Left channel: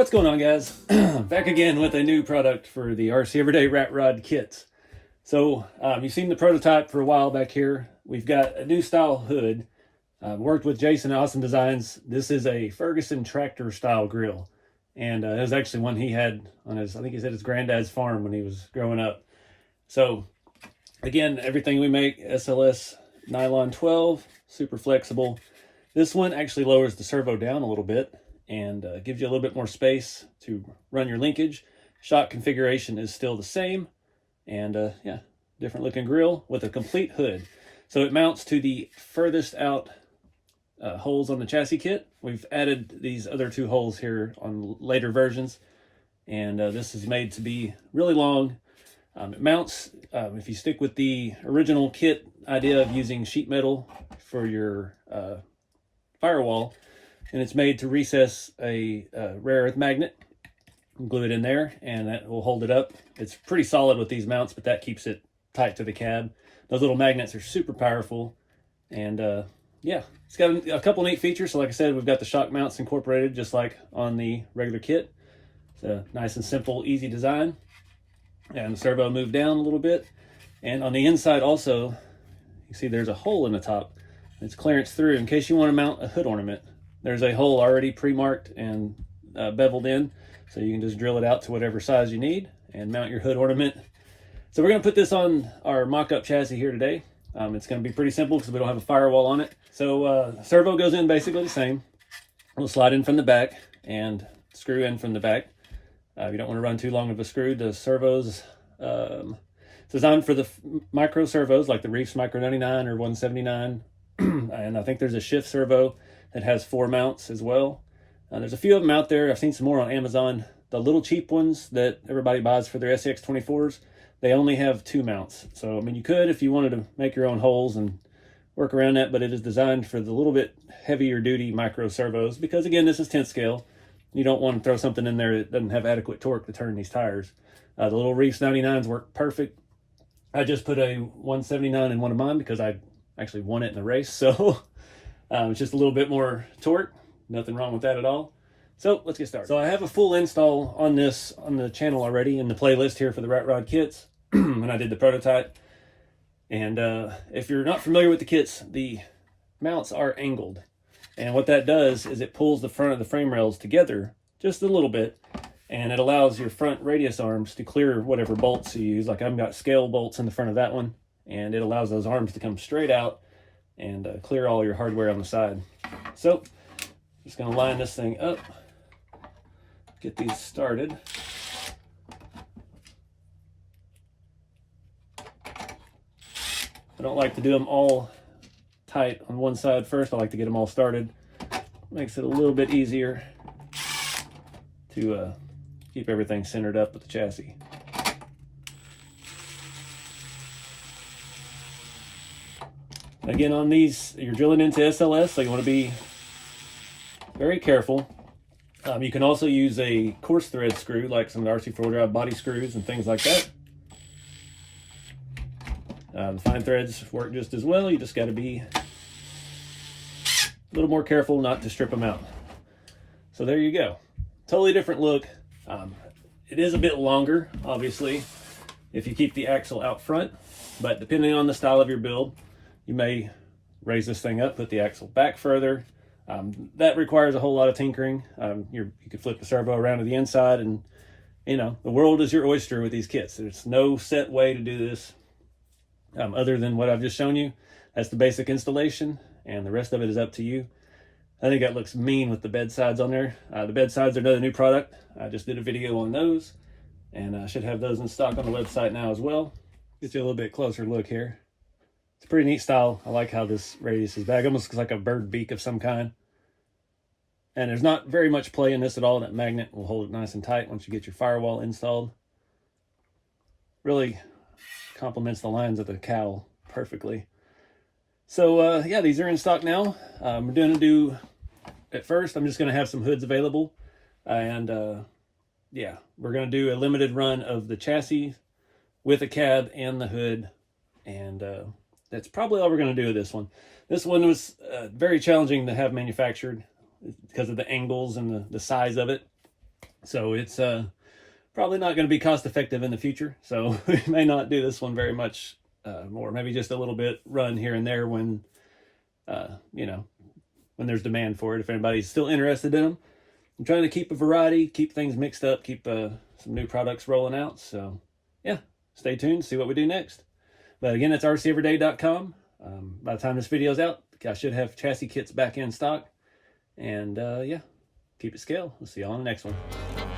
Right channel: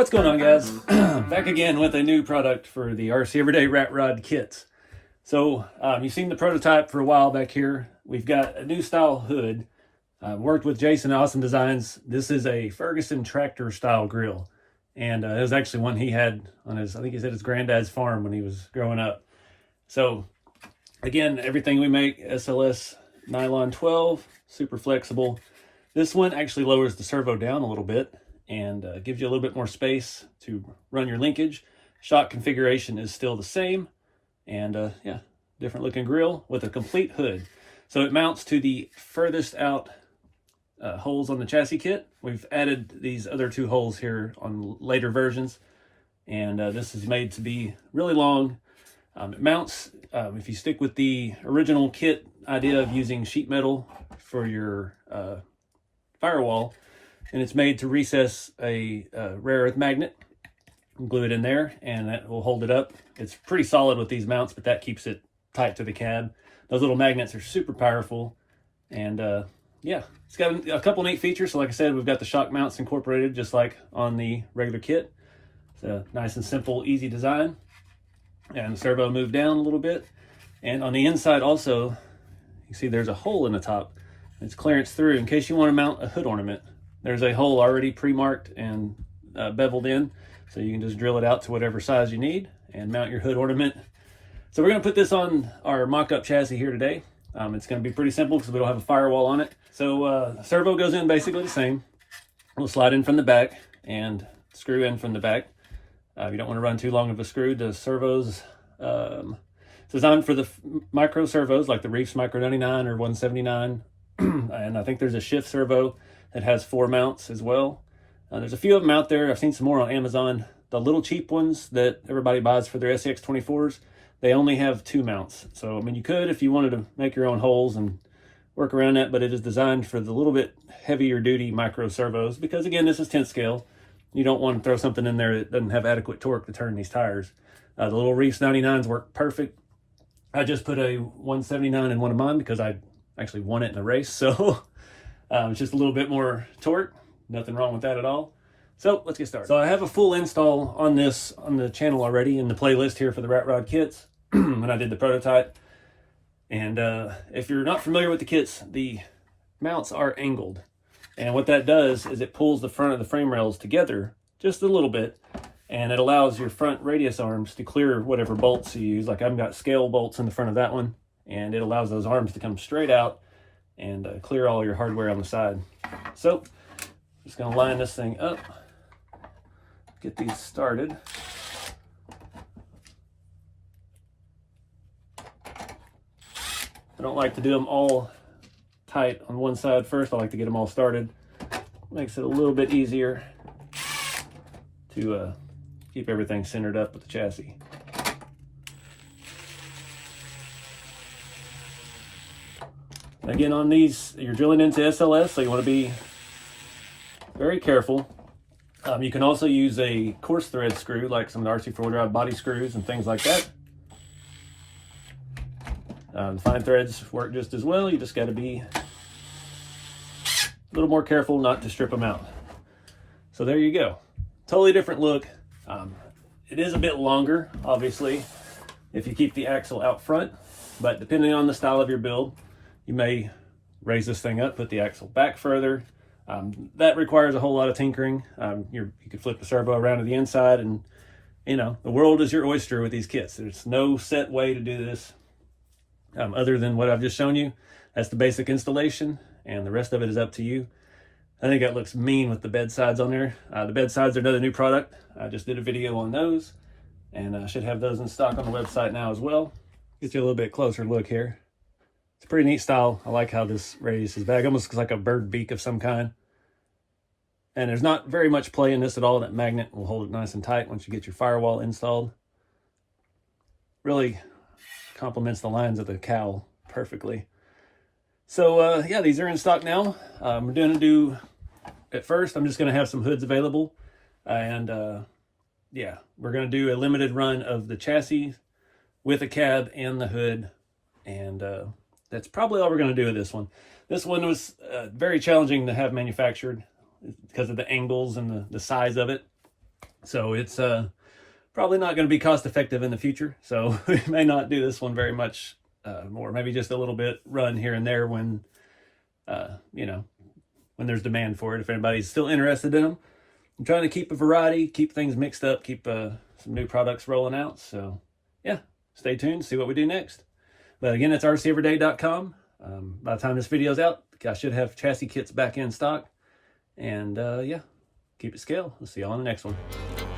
What's going on, guys? Back again with a new product for the RCeveryday rat rod kits. So you've seen the prototype for a while back here. We've got a new style hood. Worked with Jason, Awesome Designs. This is a Ferguson tractor style grill, and it was actually one he had on his, I think he said his granddad's farm when he was growing up. So again, everything we make SLS nylon 12, super flexible. This one actually lowers the servo down a little bit and gives you a little bit more space to run your linkage. Shock configuration is still the same, and yeah, different looking grill with a complete hood. So it mounts to the furthest out holes on the chassis kit. We've added these other two holes here on later versions, and this is made to be really long. It mounts, if you stick with the original kit idea of using sheet metal for your firewall, and it's made to recess a rare earth magnet. Glue it in there and that will hold it up. It's pretty solid with these mounts, but that keeps it tight to the cab. Those little magnets are super powerful, and yeah, it's got a couple neat features. So like I said, we've got the shock mounts incorporated just like on the regular kit. It's a nice and simple, easy design. And the servo moved down a little bit. And on the inside also, you see there's a hole in the top. It's clearance through in case you want to mount a hood ornament. There's a hole already pre-marked and beveled in, so you can just drill it out to whatever size you need and mount your hood ornament. So we're going to put this on our mock-up chassis here today. It's going to be pretty simple because we don't have a firewall on it. So servo goes in basically the same. We'll slide in from the back and screw in from the back. You don't want to run too long of a screw. The servos, it's designed for the micro servos like the Reefs Micro 99 or 179. And I think there's a shift servo that has 4 mounts as well. There's a few of them out there. I've seen some more on Amazon. The little cheap ones that everybody buys for their SCX 24s, they only have 2 mounts. So, I mean, you could if you wanted to make your own holes and work around that, but it is designed for the little bit heavier duty micro servos because, again, this is 10th scale. You don't want to throw something in there that doesn't have adequate torque to turn these tires. The little Reefs 99s work perfect. I just put a 179 in one of mine because I actually won it in the race. So it's just a little bit more torque. Nothing wrong with that at all. So let's get started. So I have a full install on this on the channel already in the playlist here for the Rat Rod kits when I did the prototype. And if you're not familiar with the kits, the mounts are angled. And what that does is it pulls the front of the frame rails together just a little bit, and it allows your front radius arms to clear whatever bolts you use. Like I've got scale bolts in the front of that one, and it allows those arms to come straight out and clear all your hardware on the side. So just gonna line this thing up, get these started. I don't like to do them all tight on one side first. I like to get them all started. Makes it a little bit easier to keep everything centered up with the chassis. Again, on these, you're drilling into SLS, so you want to be very careful. You can also use a coarse thread screw, like some of the RC4 drive body screws and things like that. Fine threads work just as well. You just got to be a little more careful not to strip them out. So there you go. Totally different look. It is a bit longer, obviously, if you keep the axle out front, but depending on the style of your build, you may raise this thing up, put the axle back further. That requires a whole lot of tinkering. You could flip the servo around to the inside, and you know, the world is your oyster with these kits. There's no set way to do this other than what I've just shown you. That's the basic installation, and the rest of it is up to you. I think that looks mean with the bed sides on there. The bed sides are another new product. I just did a video on those, and I should have those in stock on the website now as well. Get you a little bit closer look here. It's a pretty neat style. I like how this radius is back. It almost looks like a bird beak of some kind. And there's not very much play in this at all. That magnet will hold it nice and tight once you get your firewall installed. Really complements the lines of the cowl perfectly. So yeah, these are in stock now. We're going to do, at first, I'm just going to have some hoods available. And yeah, we're going to do a limited run of the chassis with a cab and the hood. And that's probably all we're going to do with this one. This one was very challenging to have manufactured because of the angles and the size of it. So it's probably not going to be cost effective in the future. So we may not do this one very much more, maybe just a little bit run here and there when, you know, when there's demand for it, if anybody's still interested in them. I'm trying to keep a variety, keep things mixed up, keep some new products rolling out. So yeah, stay tuned, see what we do next. But again, that's RCeveryday.com. By the time this video's out, I should have chassis kits back in stock. And yeah, keep it scale. We'll see you all on the next one.